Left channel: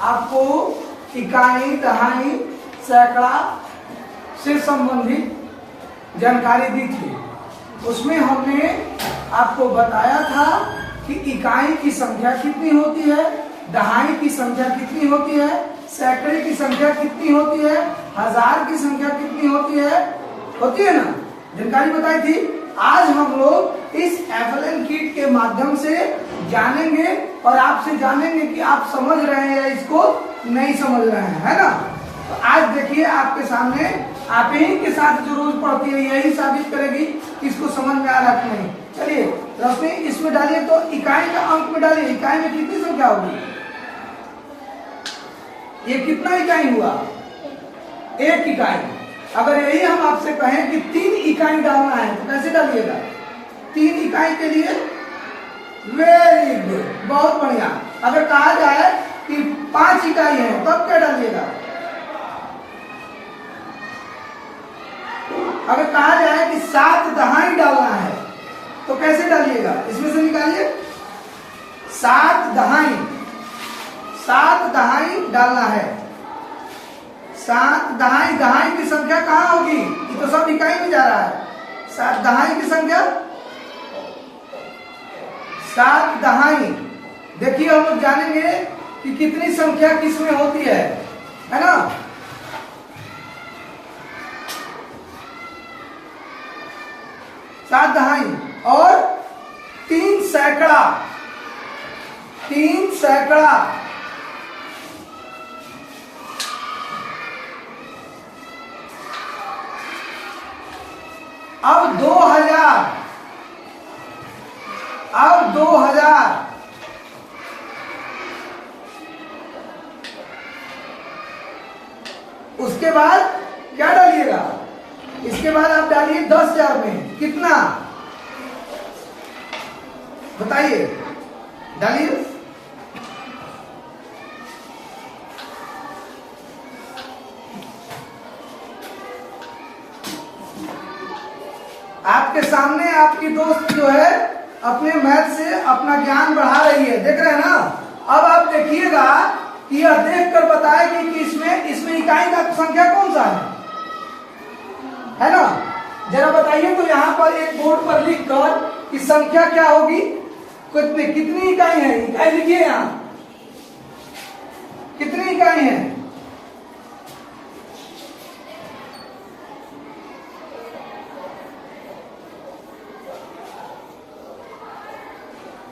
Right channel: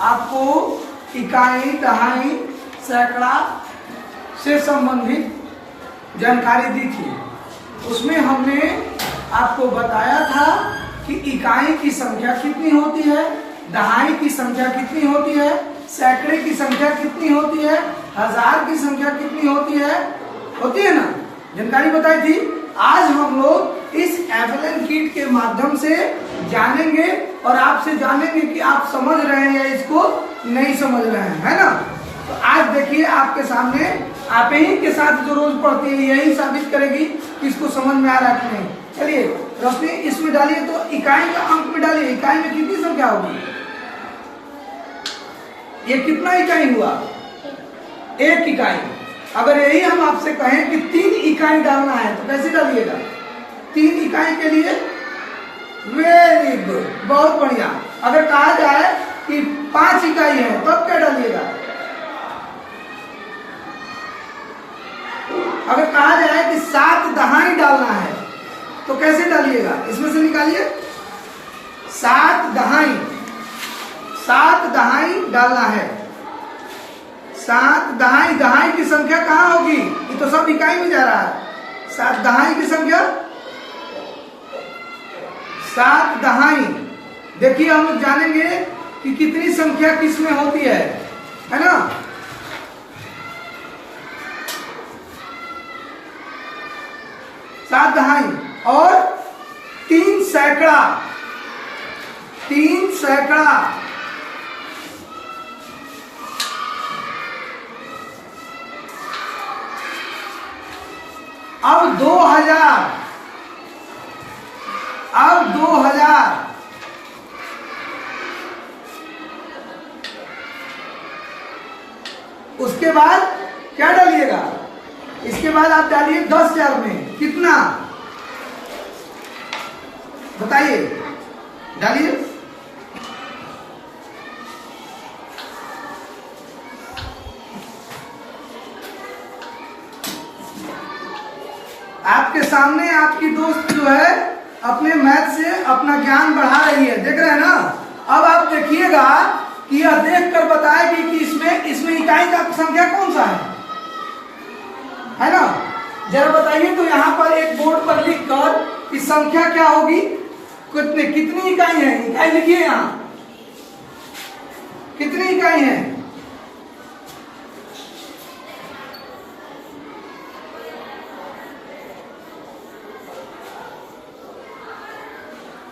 आपको इकाई, दहाई, सैकड़ा से संबंधित जानकारी दी थी। उसमें हमने आपको बताया था कि इकाई की संख्या कितनी होती है, दहाई की संख्या कितनी होती है, सैकड़े की संख्या कितनी होती है, हजार की संख्या कितनी होती है ना, जानकारी बताई थी। आज हम लोग इस एफएलएन किट के माध्यम से जानेंगे और आपसे जानेंगे कि आप समझ रहे हैं या इसको नहीं समझ रहे हैं, है ना। तो आज देखिए आपके सामने, आप ही के साथ जो रोज पढ़ती है यही साबित करेगी कि इसको समझ में आ रहा है कि नहीं। चलिए रोशनी इसमें डालिए, तो इकाई का अंक में डालिए। इकाई में कितनी संख्या होगी? ये कितना इकाई हुआ? एक इकाई। अगर यही हम आपसे कहें कि 3 इकाई डालना है तो कैसे डालिएगा? 3 इकाई के लिए वेरी गुड, बहुत बढ़िया। अगर कहा जाए कि 5 इकाई है तो क्या डालिएगा? अगर कहा जाए कि 7 दहाई डालना है तो कैसे डालिएगा? इसमें से निकालिए 7 दहाई, 7 दहाई डालना है। 7 दहाई, दहाई की संख्या कहाँ होगी? ये तो सब इकाई में जा रहा है। 7 दहाई की संख्या, 7 दहाई। देखिए हम लोग जानेंगे कि कितनी संख्या किसमें होती है ना। 7 दहाई और 3 सैकड़ा, 3 सैकड़ा। अब 2000, अब 2000। उसके बाद क्या डालिएगा? इसके बाद आप डालिए 10,000 में कितना बताइए, डालिए। आपके सामने आपकी दोस्त जो है अपने मैथ से अपना ज्ञान बढ़ा रही है, देख रहे हैं ना। अब आप देखिएगा कि यह देखकर बताएगी कि इसमें इकाई का संख्या कौन सा है ना। जरा बताइए तो यहाँ पर एक बोर्ड पर लिखकर कि संख्या क्या होगी, कितनी इकाई है? इकाई लिखिए यहाँ, कितनी इकाई है?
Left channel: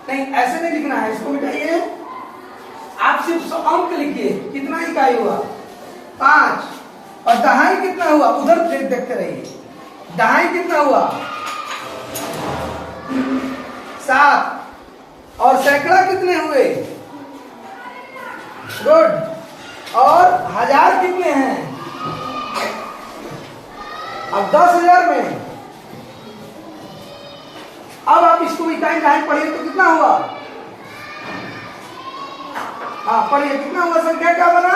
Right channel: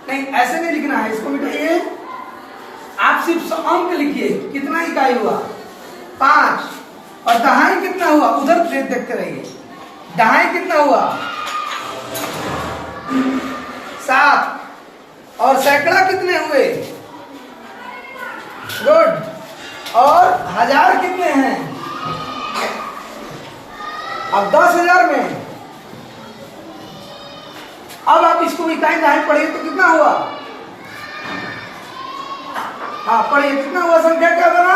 नहीं, ऐसे नहीं लिखना है, इसको मिटाइए। आप सिर्फ अंक लिखिए, कितना इकाई हुआ? 5। और दहाई कितना हुआ? उधर देखते रहिए, दहाई कितना हुआ? 7। और सैकड़ा कितने हुए? गुड। और हजार कितने हैं? अब 10,000 में। अब आप इसको इकाई दहाई पढ़िए तो कितना हुआ? हाँ पढ़िए, कितना हुआ? संख्या क्या बना?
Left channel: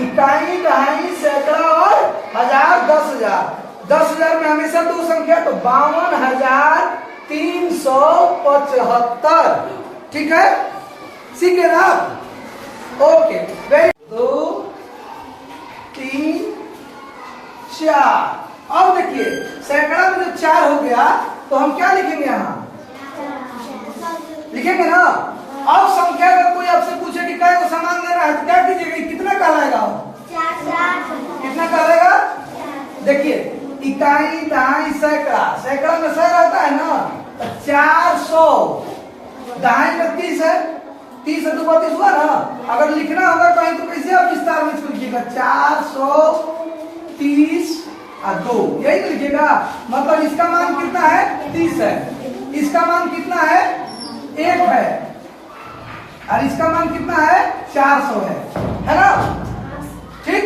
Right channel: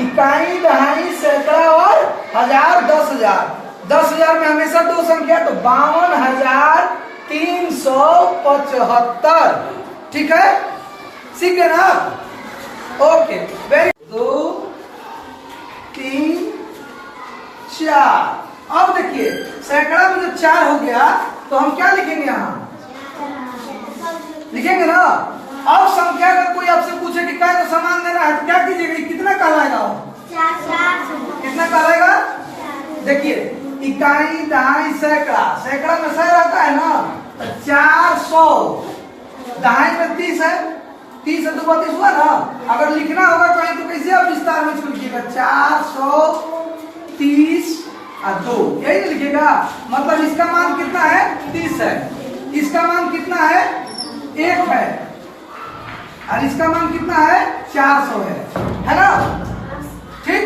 इकाई, दहाई, सैकड़ा और हजार, 10,000। 10,000 में हमेशा 2 संख्या, तो 52,375। ठीक है, सीख गए ना? Okay, very 2, 3, 4। अब देखिए सैकड़ा में जो 4 हो गया तो हम क्या लिखेंगे? यहाँ लिखेंगे ना। अब संख्या अगर कोई आपसे पूछे कि क्या को सामान दे रहा है तो क्या कीजिएगा? कितना कहलाएगा? कितना कहलाएगा? देखिए इकाई, दहाई, सैकड़ा, सैकड़ा में 100 रहता है ना, तो 400। दहाई में 30 है, 30 है तो 32 हुआ ना। अगर लिखना होगा कहीं तो कैसे आप विस्तार में इसको लिखिएगा? 430 और 2, यही तो लिखिएगा। मतलब इसका मान कितना है? 30 है। इसका मान कितना है? 1 है। और इसका मान कितना है? 400 है ना। ठीक।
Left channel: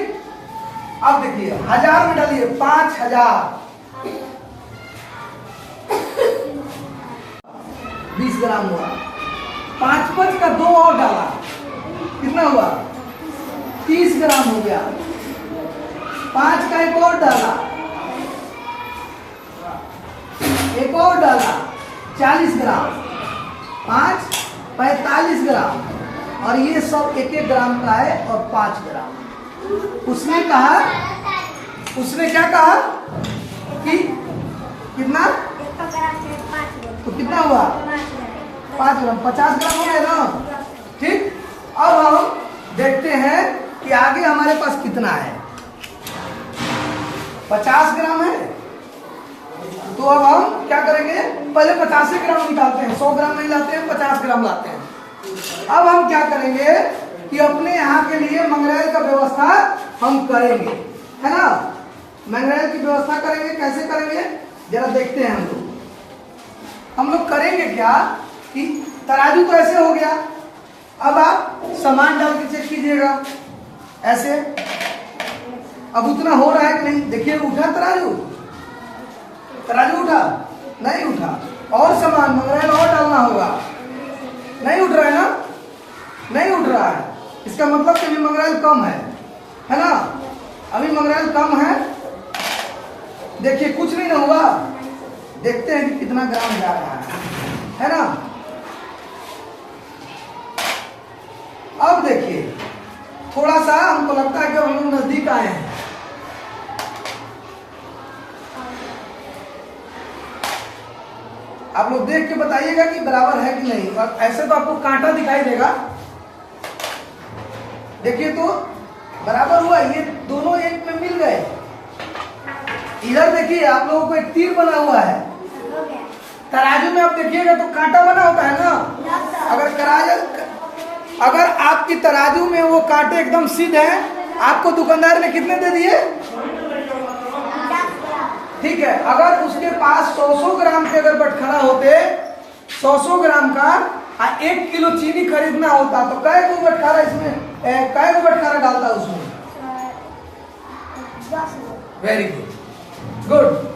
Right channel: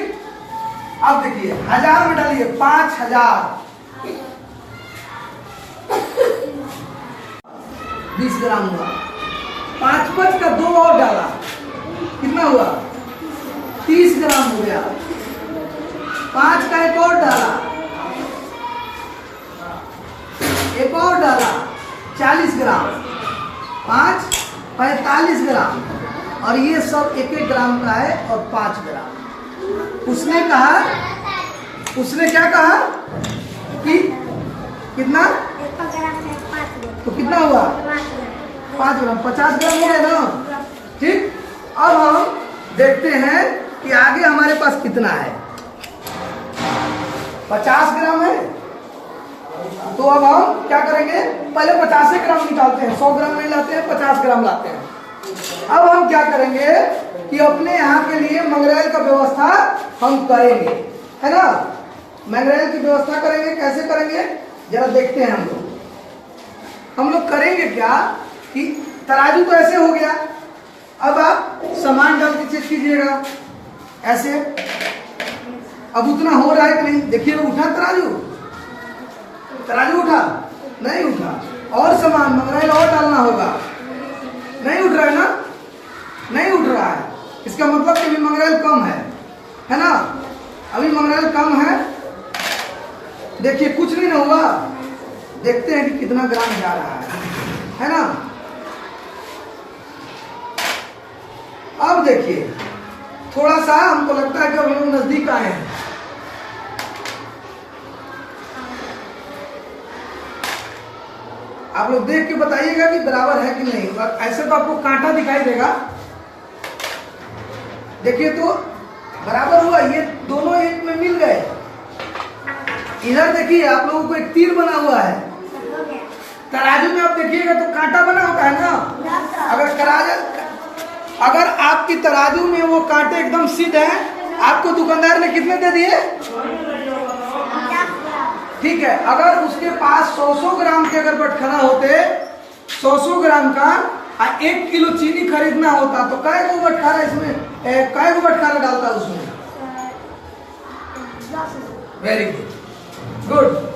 अब देखिए हजार में डालिए 5000, 20 ग्राम हुआ। 5 का 2 और डाला, कितना हुआ? 30 ग्राम हो गया। 5 का एक और डाला, एक और डाला 40 ग्राम, 5 45 ग्राम। और ये सब 1-1 ग्राम का है और 5 ग्राम। उसने कहा, उसने क्या कहा कि कितना, तो कितना हुआ 5 ग्राम, 50 ग्राम हो गया ना। ठीक, अब हम देखते हैं कि आगे हमारे पास कितना है। 50 ग्राम है, तो अब हम क्या करेंगे, पहले 50 ग्राम निकालते हैं, 100 ग्राम नहीं लाते हैं, 50 ग्राम लाते हैं। अब हम क्या करेंगे कि अपने यहाँ के लिए मंगरेल का व्यवस्था हम करेंगे, है ना। मंगरेल की व्यवस्था करेंगे, कैसे करेंगे जरा देखते हैं। हम लोग करेंगे क्या कि तराजू तो ऐसे हो गया, अब आप सामान डाल के चेक कीजिएगा ऐसे। अब उतना हो रहा है कि नहीं, देखिए उठा तराजू, तराजू उठा नहीं उठा, और सामान मंगरेल और डालना होगा, नहीं उठ रहा है ना, नहीं उठ रहा है, इसका मतलब कि अभी मंगरेल कम है ना, अभी मंगरेल कम है। देखिए कुछ नहीं होगा, देखते हैं कि कितना ग्राम जा रहा है ना। अब देखिए थोड़ा सा हमको लगता है कि हम लोग नजदीक आए हैं। आप लोग देख के बताइएगा कि बराबर है कि नहीं। और ऐसे तो आपको कांटा दिखाई देगा, देखिए तो बराबर हुआ, ये दोनों एक में मिल गए। इधर देखिए आप लोगों को एक तीर बना हुआ है, तराजू में आप देखिएगा तो कांटा बना होता है ना। अगर आपकी तराजू में वो कांटे एकदम सीधे हैं, आपको दुकानदार ने कितने दे दिए, ठीक है। अगर उसके पास 100 ग्राम के अगर बटखरा होते, 100 ग्राम का 1 किलो चीनी खरीदना होता, तो कै को बटखरा इसमें, कै को बटखरा डालता उसमें। Very good, good.